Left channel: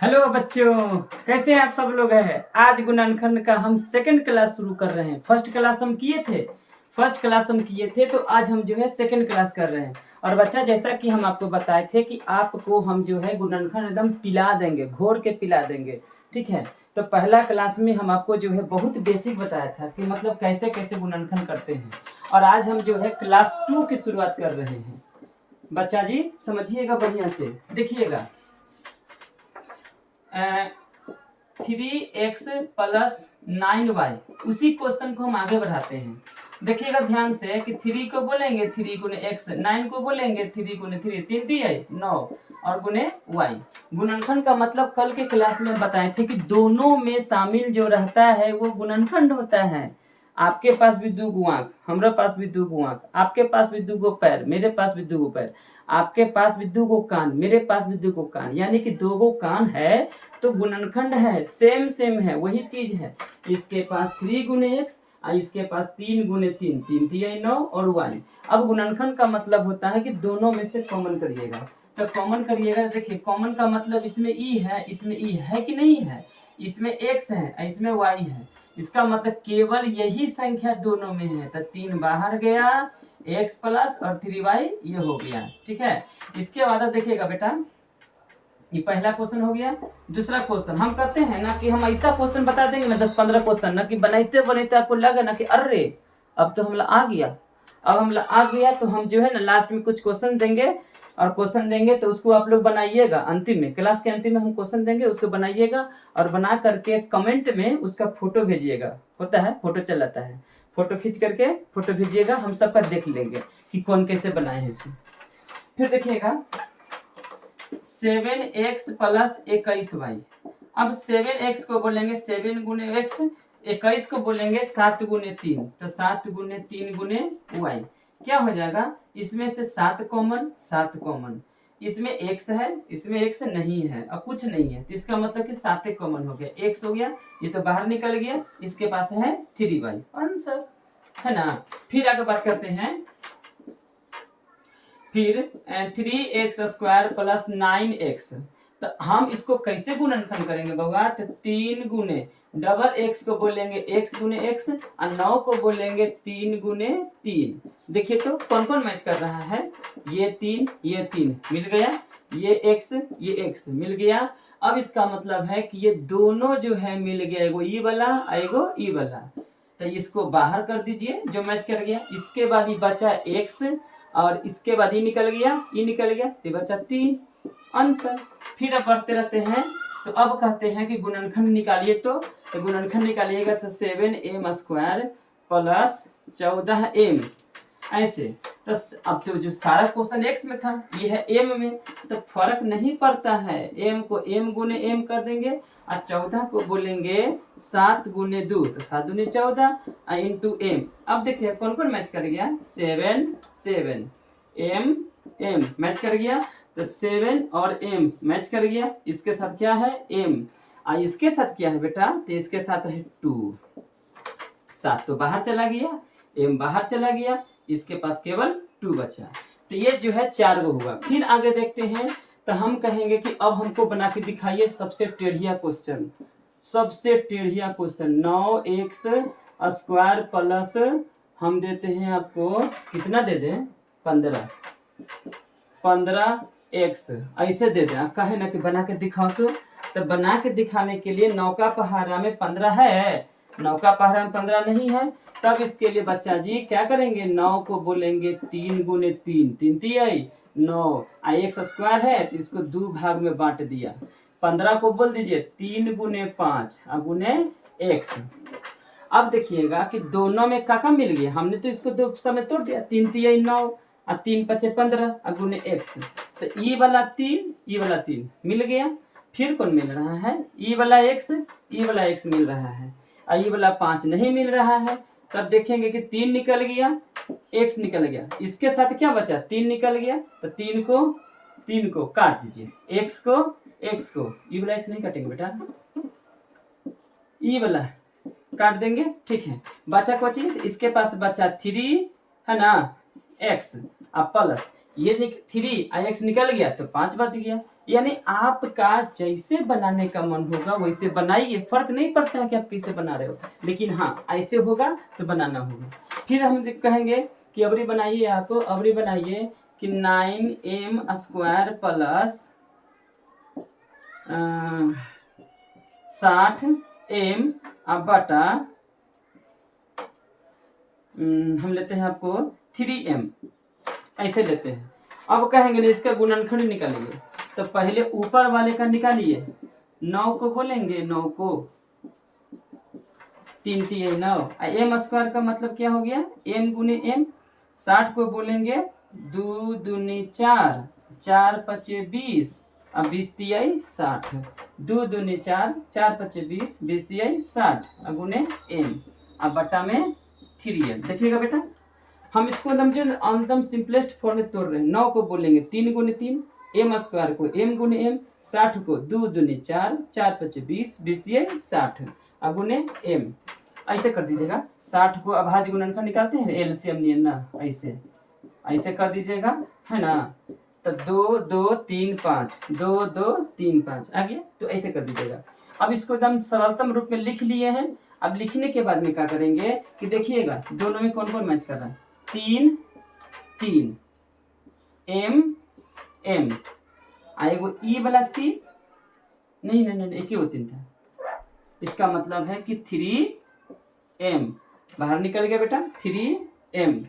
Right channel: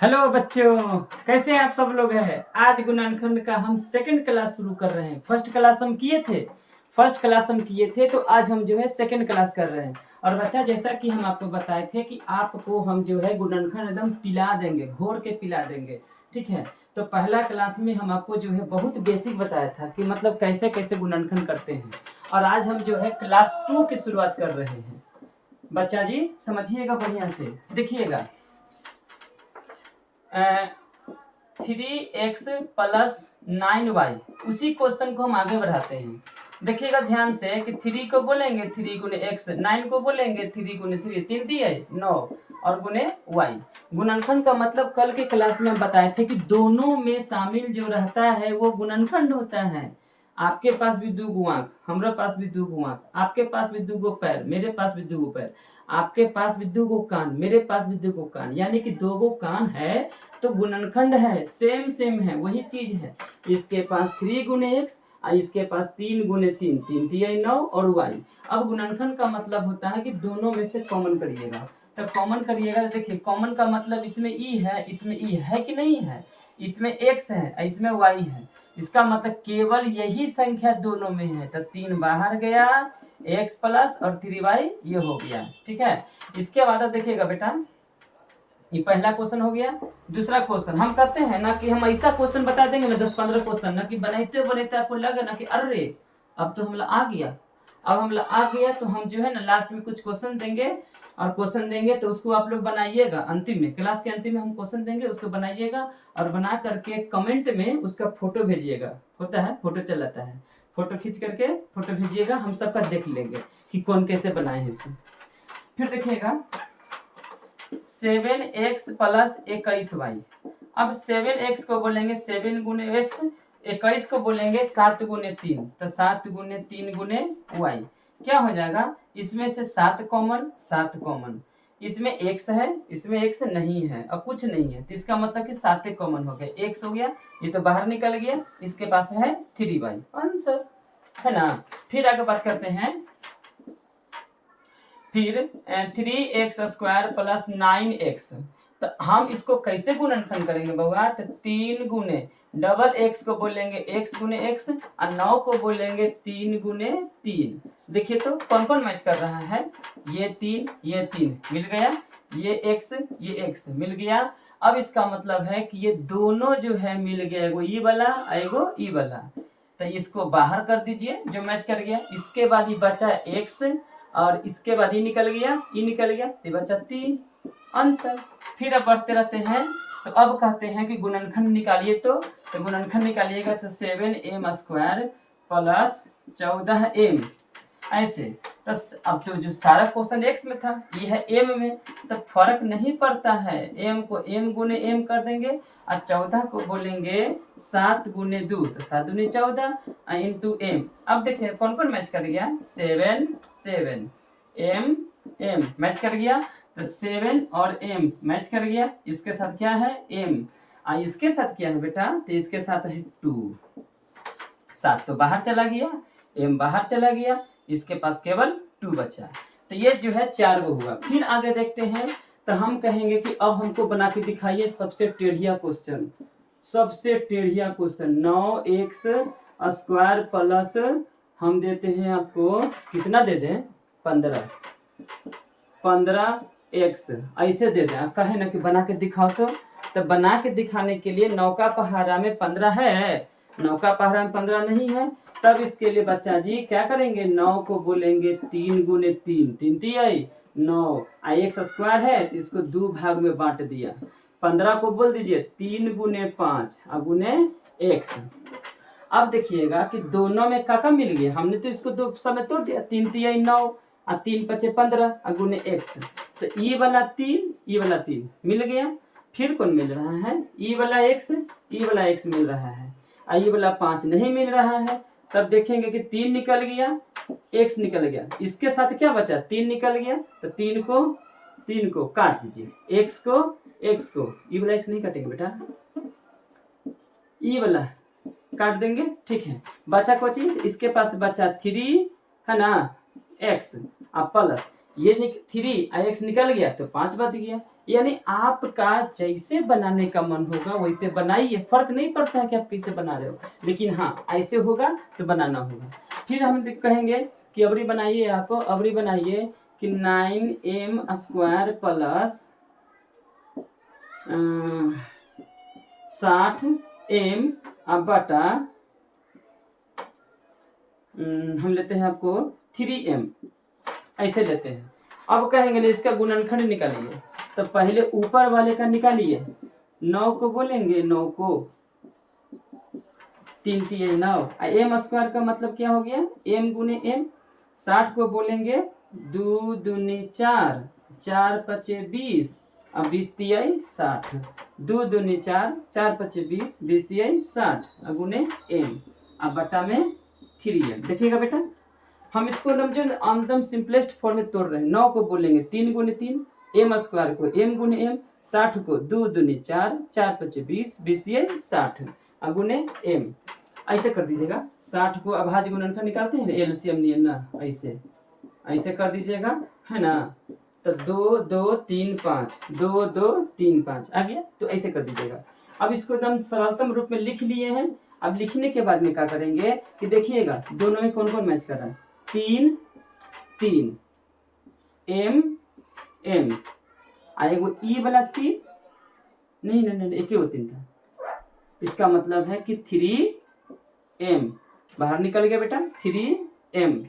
Hello बच्चों, कैसे हैं आप सब लोग हैं। आज गुणनखंड का हम सेकंड क्लास शुरू कर रहे हैं। फर्स्ट क्लास हम किए थे तो आज हम जो है सेकंड क्लास कर रहे हैं। और बच्चा, जैसा कि हम आपको बताए थे कि आपको हम जो है गुणनखंड एकदम पिला देंगे, घोर के पिला देंगे। ठीक है, तो पहला क्लास में हम आपको जो है बहुत बेसिक बताया था कि मतलब कैसे कैसे गुणनखंड करते हैं। और आज हम जो है क्लास 2 की शुरुआत कर रहे हैं। बच्चा जी समझिएगा, बढ़िया से देखिएगा। 3x+9y, उसी क्वेश्चन को हम आगे बढ़ाते हैं। देखिएगा ध्यान से कि 3 को बोलेंगे 3 गुने x, 9 को बोलेंगे 3 गुने 3, 3 दिए 9 और गुने y। गुणनखंड का मतलब कल के क्लास में बताए थे कि दोनों में शामिल जो रहता है वो गुणनखंड होता है। आपके पास भी दो गो आंख, हमारे पास भी दो गो आंख, आपके पास भी दो गो पैर, मेरे पास भी दो गो पैर, आपके पास भी दो गो कान, मेरे पास भी दो गो कान, यानी कि दो गो कान है तो गुणनखंड है, सेम सेम है, वही चीज है। इसके पास 3 गुने एक्स और इसके पास 3 गुने 3, 3 3 9 और वाई। अब गुणनखंड का मतलब होता है कि दोनों में से कॉमन करिएगा। तो कॉमन करिएगा, देखिए कॉमन का मतलब इसमें ई है, इसमें ई है कि नहीं है, इसमें एक्स है, इसमें वाई है। इसका मतलब केवल यही संख्या दोनों में है। तो 3 बाहर गया, एक्स प्लस और 3y ये हो गया। ठीक है, इसके बाद देखिएगा बेटा, ये पहला क्वेश्चन हो गया। दूसरा क्वेश्चन हम कहते हैं ना कि हम ऐसा क्वेश्चन बता देंगे ना 10-15 क्वेश्चन ना कि बनाते बनाते आपको लगे ना कि अरे अब तो हमला आ गया। अब हमला आ गया तो हम जो है ना लास्ट में कुछ क्वेश्चन देंगे, और क्वेश्चन देंगे तो उसको आप लोग बनाइएगा। अंतिम में, क्लास के अंतिम में हम क्वेश्चन देंगे, उसको बनाइएगा और बना करके कमेंट में उसका फोटो भेजिएगा। होता है फोटो चल जाता है, फोटो खींच करके फोटो भेजिएगा, हम सबका देख लेंगे कि कौन कैसे बनाए हैं इसको। फिर देखिएगा 7x+21y। अब 7x को बोलेंगे 7 गुने एक्स, 21 को बोलेंगे 7 गुने 3, तो 7 गुने 3 गुने y। क्या हो जाएगा, इसमें से 7 कॉमन, 7 कॉमन, इसमें x है, इसमें x नहीं है और कुछ नहीं है, तो इसका मतलब कि 7 कॉमन हो गया, x हो गया, ये तो बाहर निकल गया, इसके पास है 3y आंसर, है ना। फिर आगे बात करते हैं, फिर 3x² + 9x। तो हम इसको कैसे गुणनखंड करेंगे बउआ, तो 3 गुने डबल एक्स को बोलेंगे x गुने x और 9 को बोलेंगे 3 गुने 3। देखिए तो कौन कौन मैच कर रहा है, ये 3 मिल गया, ये x मिल गया। अब इसका मतलब है कि ये दोनों जो है मिल गया, एगो ई वाला एगो ई वाला, तो इसको बाहर कर दीजिए जो मैच कर गया। इसके बाद ये बचा x और इसके बाद ये निकल गया, ये निकल गया, तो बचा 3 आंसर। फिर अब बढ़ते रहते हैं, तो अब कहते हैं कि गुणनखंड निकालिए। तो गुणनखंड निकालिएगा तो 7m² + 14m, ऐसे। तो अब तो जो सारा क्वेश्चन x में था, ये है m में, तो फर्क नहीं पड़ता है, m को m गुने m कर देंगे और 14 को बोलेंगे 7 गुने 2, तो 7 दूनी 14 इंटू m। अब देखिए कौन कौन मैच कर गया, 7 m m मैच कर गया, तो 7 और m मैच कर गया। इसके साथ क्या है m, और इसके साथ क्या है बेटा, तो इसके साथ है 2। 7 तो बाहर चला गया, m बाहर चला गया, इसके पास केवल 2 बचा। तो ये जो है 4 गो हुआ। फिर आगे देखते हैं, तो हम कहेंगे कि अब हमको बना के दिखाइए सबसे टेढ़िया क्वेश्चन। 9x² प्लस हम देते हैं आपको, कितना दे दें, 15x ऐसे दे दें। कहे ना कि बना के दिखाओ, तो बना के दिखाने के लिए नौका पहाड़ा में 15 है, नौका पहाड़ा में 15 नहीं है, तब इसके लिए बच्चा जी क्या करेंगे, 9 को बोलेंगे 3 गुने 3, 3 3 9, x² है तो इसको 2 भाग में बांट दिया। 15 को बोल दीजिए 3 गुने 5 गुने x। अब देखिएगा कि दोनों में काका मिल गया, हमने तो इसको दो समय तोड़ दिया, 3 3 9 और 3 5 15 गुने x। तो ई वाला 3 मिल गया। फिर कौन मिल रहा है, ई वाला x मिल रहा है, और ई वाला 5 नहीं मिल रहा है। तब देखेंगे कि 3 निकल गया, x निकल गया, इसके साथ क्या बचा, 3 निकल गया, तो 3 को काट दीजिए, x को ई वाला x नहीं काटेंगे बेटा, ई वाला काट देंगे। ठीक है, बचा को चाहिए, इसके पास बचा 3 है ना x, अब प्लस ये 3 x निकल गया तो 5 बच गया। यानी आपका जैसे बनाने का मन होगा वैसे बनाइए, फर्क नहीं पड़ता है कि आप कैसे बना रहे हो, लेकिन हाँ ऐसे होगा तो बनाना होगा। फिर हम कहेंगे कि अबरी बनाइए, आप अबरी बनाइए कि 9m² प्लस 60m बटा हम लेते हैं आपको 3m, ऐसे लेते हैं। अब कहेंगे इसका गुणनखंड निकालिए, तो पहले ऊपर वाले का निकालिए। 9 को बोलेंगे, 9 को 3 3 9, m² का मतलब क्या हो गया, m गुने m। 60 को बोलेंगे 2 दूनी 4, 4 पचे 20, अब 20 तियाई 60, 2 दूनी 4, 4 पचे 20, 20 तियाई 60 गुने m, अब बटा में 3m। देखिएगा बेटा हम इसको एकदम सिंपलेस्ट फॉर्म में तोड़ रहे हैं। 9 को बोलेंगे 3 गुने 3, m² को m गुने m, 60 को 2 दूनी 4, 4 पचे 20, 20 दिए 60 गुने m, ऐसे कर दीजिएगा। 60 को अभाज्य गुणनखंड निकालते हैं एलसीएम नहीं ना, ऐसे ऐसे कर दीजिएगा, है ना। तो 2 2 3 5, 2 2 3 5 आ गया, तो ऐसे कर दीजिएगा। अब इसको एकदम सरलतम रूप में लिख लिए हैं। अब लिखने के बाद में क्या करेंगे कि देखिएगा दोनों में कौन कौन मैच कर रहा है, 3 3 m m आएगा ई वाला 3, नहीं नहीं नहीं एक ही वो 3 था, इसका मतलब है कि 3m बाहर निकल गया बेटा, 3m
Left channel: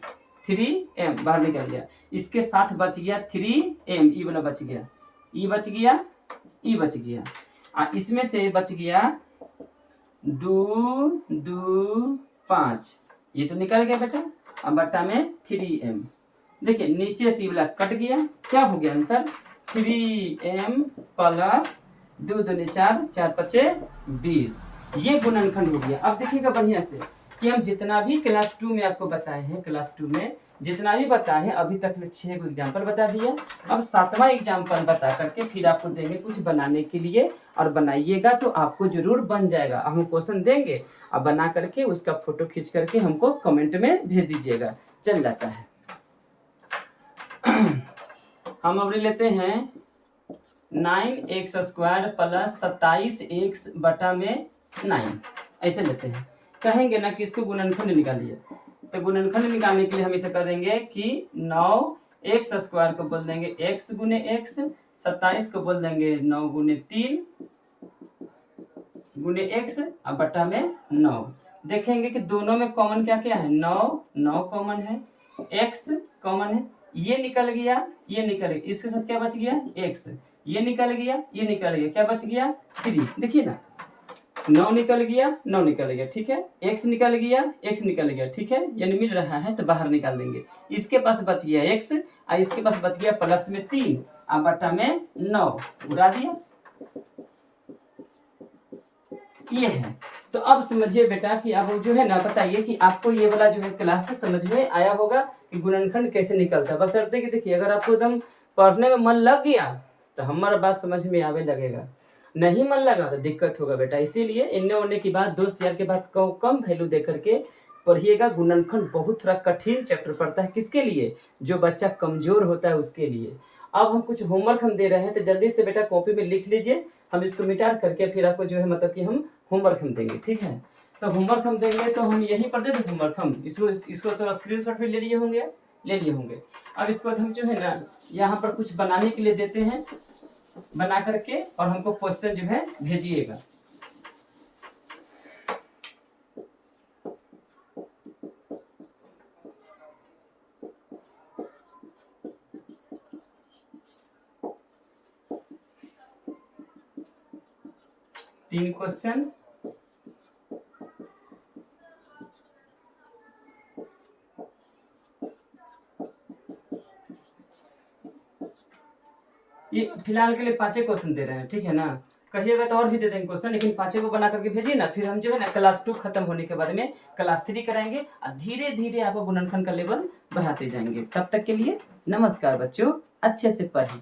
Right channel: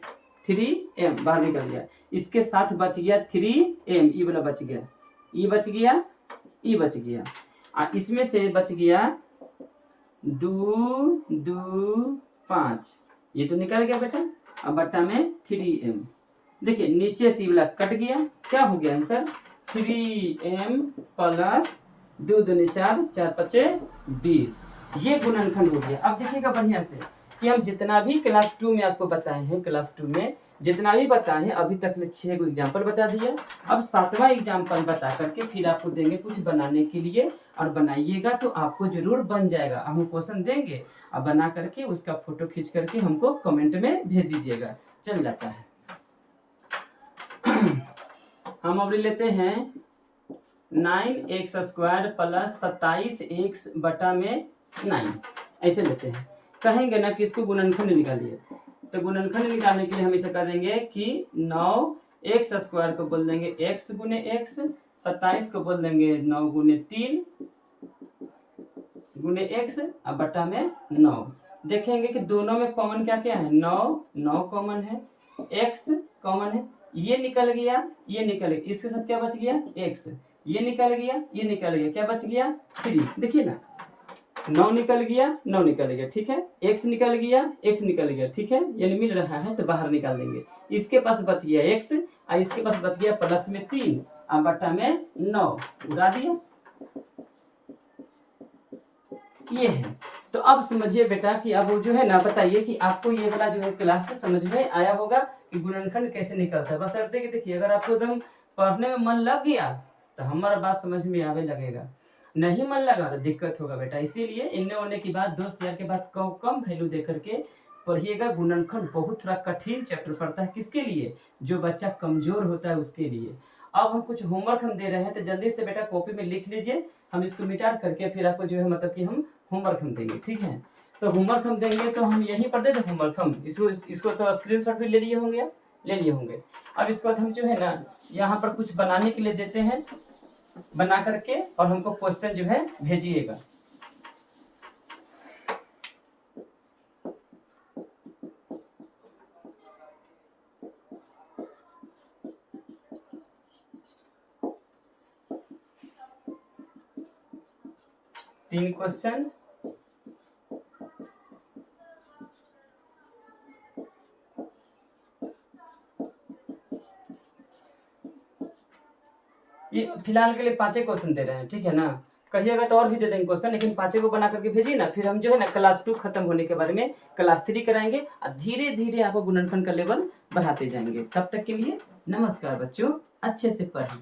बाहर निकल गया। इसके साथ बच गया 3m, ई वाला बच गया, ई बच गया, ई बच गया। इसमें से बच गया 2 2 5, ये तो निकल गया बेटा। अब बट्टा में 3m, देखिए नीचे से वाला कट गया, क्या हो गया आंसर, 3m प्लस 2 दूनी 4, 4 पचे 20, ये गुणनखंड हो गया। अब देखिएगा बढ़िया से कि हम जितना भी क्लास 2 में आपको बताए हैं, क्लास 2 में जितना भी बताए हैं अभी तक 6 को एग्जाम्पल बता दिया। अब 7वां एग्जाम्पल बता करके फिर आपको देंगे कुछ बनाने के लिए, और बनाइएगा तो आपको जरूर बन जाएगा। हम क्वेश्चन देंगे और बना करके उसका फोटो खींच करके हमको कमेंट में भेज दीजिएगा, चल जाता है। हम अब लेते हैं 9x² प्लस 27x बटा में 9, ऐसे लेते हैं। कहेंगे ना कि इसको गुणनखंड निकालिए, तो गुणनखंड निकालने के लिए हम इसे कर देंगे कि 9x² को बोल देंगे x गुने x, 27 को बोल देंगे 9 गुने 3 गुने x, अब बटा में 9। देखेंगे कि दोनों में कॉमन क्या क्या है, 9 कॉमन है, x कॉमन है, ये निकल गया, ये निकल गया, इसके साथ क्या बच गया x, ये निकल गया, ये निकल गया, क्या बच गया 3। देखिए ना 9 निकल गया, 9 निकल गया, ठीक है, x निकल गया, x निकल गया, ठीक है, यानी मिल रहा है तो बाहर निकाल देंगे। इसके पास बच गया x और इसके पास बच गया प्लस में 3 और बटा में 9, उड़ा दिया, ये है। तो अब समझिए बेटा कि अब जो है ना बताइए कि आपको ये वाला जो है क्लास से समझ में आया होगा कि गुणनखंड कैसे निकलता है। बस कि देखिए अगर आपको एकदम पढ़ने में मन लग गया तो हमारा बात समझ में आवे लगेगा, नहीं मन लगा तो दिक्कत होगा बेटा। इसीलिए इन्ने उन्ने की बात, दोस्त यार के बात को कम वैल्यू दे करके पढ़िएगा। गुणनखंड बहुत थोड़ा कठिन चैप्टर पड़ता है, किसके लिए, जो बच्चा कमजोर होता है उसके लिए। अब हम कुछ होमवर्क हम दे रहे हैं तो जल्दी से बेटा कॉपी में लिख लीजिए, हम इसको मिटा करके फिर आपको जो है मतलब कि हम होमवर्क हम देंगे, ठीक है। तो होमवर्क हम देंगे तो हम यहीं पर दे दें होमवर्क, हम इसको तो स्क्रीनशॉट भी ले लिए होंगे। अब इसके बाद हम जो है ना यहाँ पर कुछ बनाने के लिए देते हैं, बना करके और हमको क्वेश्चन जो है भेजिएगा। तीन क्वेश्चन, ये फिलहाल के लिए 5 क्वेश्चन दे रहे हैं, ठीक है ना। कहिएगा तो और भी दे देंगे क्वेश्चन, लेकिन 5 को बना करके भेजिए ना, फिर हम जो है ना क्लास 2 खत्म होने के बाद में क्लास 3 कराएंगे और धीरे धीरे आपको गुणनखंड का लेवल बढ़ाते जाएंगे। तब तक के लिए नमस्कार बच्चों, अच्छे से पढ़ें।